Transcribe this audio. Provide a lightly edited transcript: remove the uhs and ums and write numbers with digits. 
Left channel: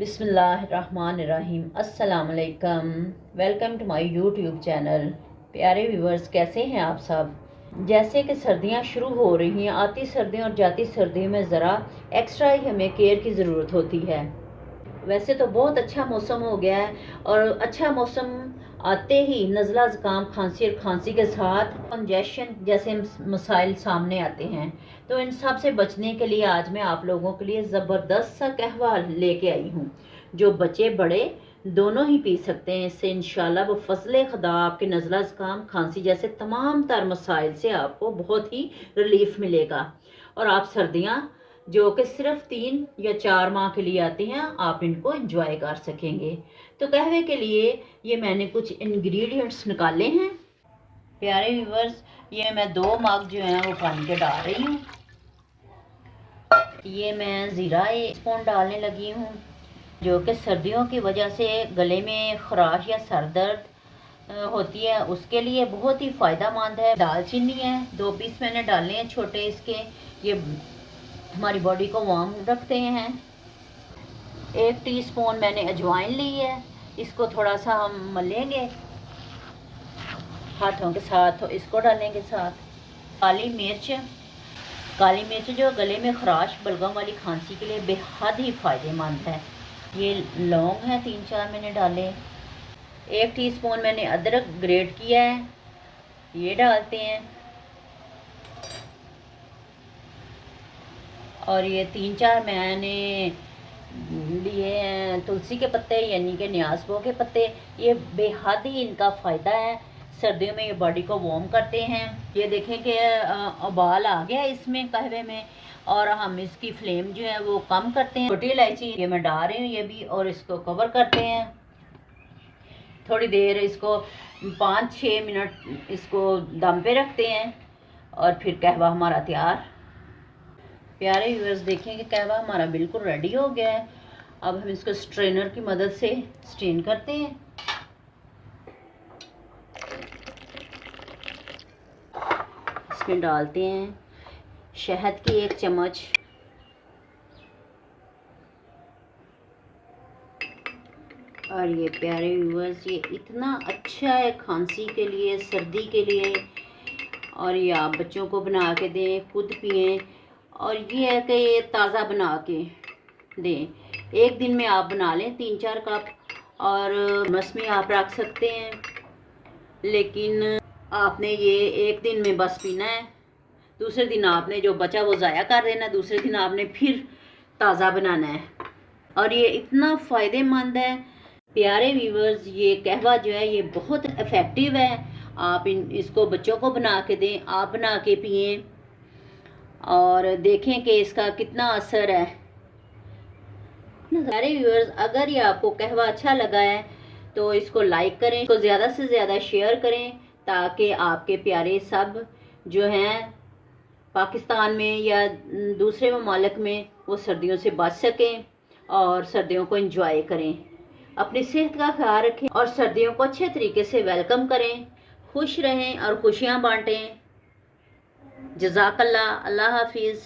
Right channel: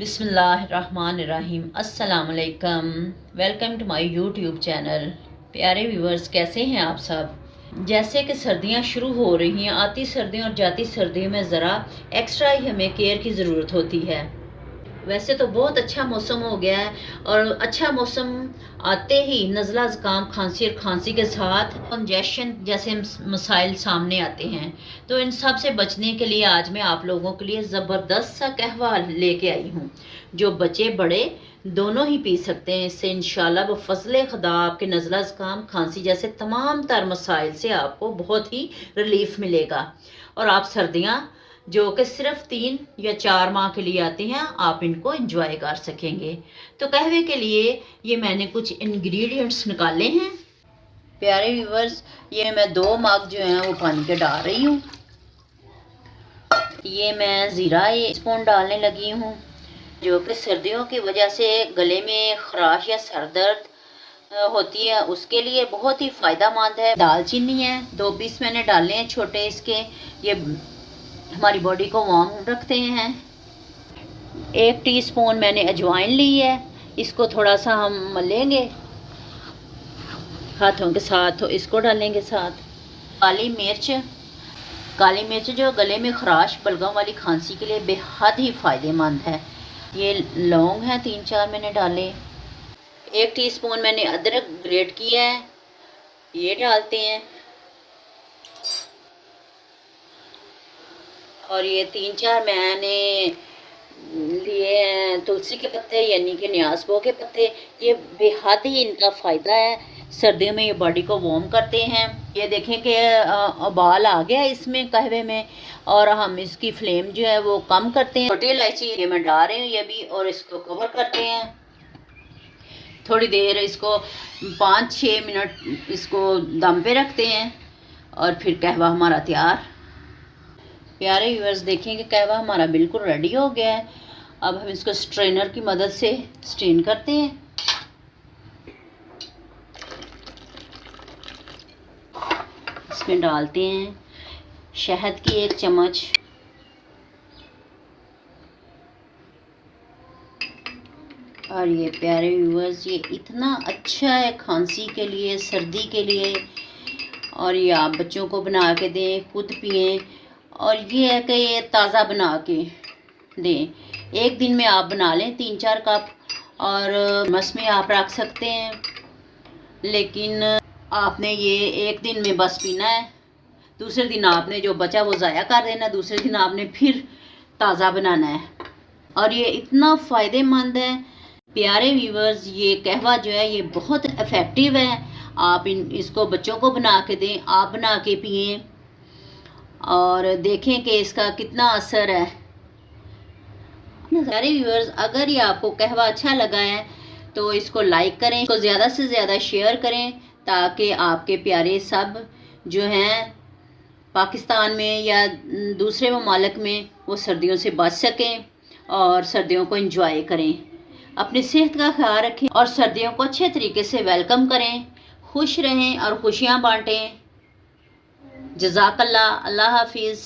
बिस्मिल्लाहिर्रहमानिर्रहीम। अस्सलाम वालेकुम। Welcome to my YouTube channel. प्यारे व्यूवर्स, कैसे हैं आप सब। जैसे कि सर्दियां शुरू हो रही हैं, आती सर्दियों और जाती सर्दियों में ज़रा एक्स्ट्रा ही हमें केयर की ज़रूरत होती है। वैसे तो बहुत अच्छा मौसम हो गया है और अच्छा मौसम आते ही नज़ला ज़ुकाम खांसी और खांसी के साथ कंजेशन जैसे मसाइल सामने आते हैं। तो इन सब से बचने के लिए आज मैं आप लोगों के लिए ज़बरदस्त सा कहवा लेके आई हूँ, जो बच्चे बड़े दोनों ही पी सकते हैं। इससे इंशाल्लाह वो फजले खुदा आपके नज़ला ज़ुकाम खांसी जैसे तमाम तर मसाइल से आपको बहुत ही रिलीफ मिलेगा और आप सर्दियाँ जो कि सिर्फ 3 या 4 माह के लिए आते हैं, आप इनको एंजॉय कर सकेंगे। तो कहवे के लिए ये मैंने कुछ इंग्रेडिएंट्स निकाले हैं। प्यारे व्यूवर्स, ये मैं 2 मग जो हैं वो पानी के डाल रही हूँ। ये मैं ज़ीरा 1 स्पून डालने लगी हूँ, जो कि सर्दियों की वजह से गले में खराश या सर दर्द होती है, उसके लिए बहुत ही फ़ायदेमंद है। दालचीनी है, 2 पीस मैंने डाले हैं छोटे इसके। ये हमारी बॉडी को वार्म रखते हैं। 1 टीस्पून मैंने अजवाइन ली है, इसको थोड़ा सा हम मलेंगे हाथों के साथ, तो इसको डालेंगे साथ। काली मिर्च जो गले में खराश बलगम वाली खांसी के लिए बेहद ही फ़ायदेमंद है। ये लौंग है, 3-4 मैंने डाले। 1 टीस्पून मैंने अदरक ग्रेट किया है, ये डालते हैं। और ये 3-4 मैंने लिए तुलसी के पत्ते यानी कि न्यासबो के पत्ते। ये बेहद ही इनका फ़ायदा है, सर्दियों में ये बॉडी को वार्म करते हैं। ये देखें कि उबाल आ गया इसमें कहवे में, और हम इसकी फ्लेम जो है वो कम करते हैं। छोटी इलायची ये मैं डाल रही हूँ ये भी, और इसको कवर करते हैं थोड़ी देर। इसको 5-6 मिनट इसको दम पे रखते हैं और फिर कहवा हमारा तैयार। प्यारे व्यूअर्स, देखें कि कहवा हमारा बिल्कुल रेडी हो गया है। अब हम इसको स्ट्रेनर की मदद से स्ट्रेन करते हैं। इसमें डालते हैं शहद की 1 चम्मच, और ये प्यारे व्यूअर्स, ये इतना अच्छा है खांसी के लिए, सर्दी के लिए। और ये आप बच्चों को बना के दें, खुद पिएं। और ये है कि ये ताज़ा बना के दें। 1 दिन में आप बना लें 3-4 कप, और मस में आप रख सकते हैं। लेकिन आपने ये 1 दिन में बस पीना है, दूसरे दिन आपने जो बचा वो ज़ाया कर देना, दूसरे दिन आपने फिर ताज़ा बनाना है। और ये इतना फ़ायदेमंद है प्यारे व्यूवर्स। ये कहवा जो है ये बहुत इफ़ेक्टिव है। आप इसको बच्चों को बना के दें, आप बना के पिएं और देखें कि इसका कितना असर है। सारे व्यूअर्स, अगर ये आपको कहवा अच्छा लगा है तो इसको लाइक करें, इसको ज़्यादा से ज़्यादा शेयर करें, ताकि आपके प्यारे सब जो हैं पाकिस्तान में या दूसरे ममालिक में वो सर्दियों से बच सकें और सर्दियों को एंजॉय करें। अपनी सेहत का ख्याल रखें और सर्दियों को अच्छे तरीके से वेलकम करें। खुश रहें और खुशियाँ बांटें। जज़ाकल्लाह। अल्लाह हाफिज़।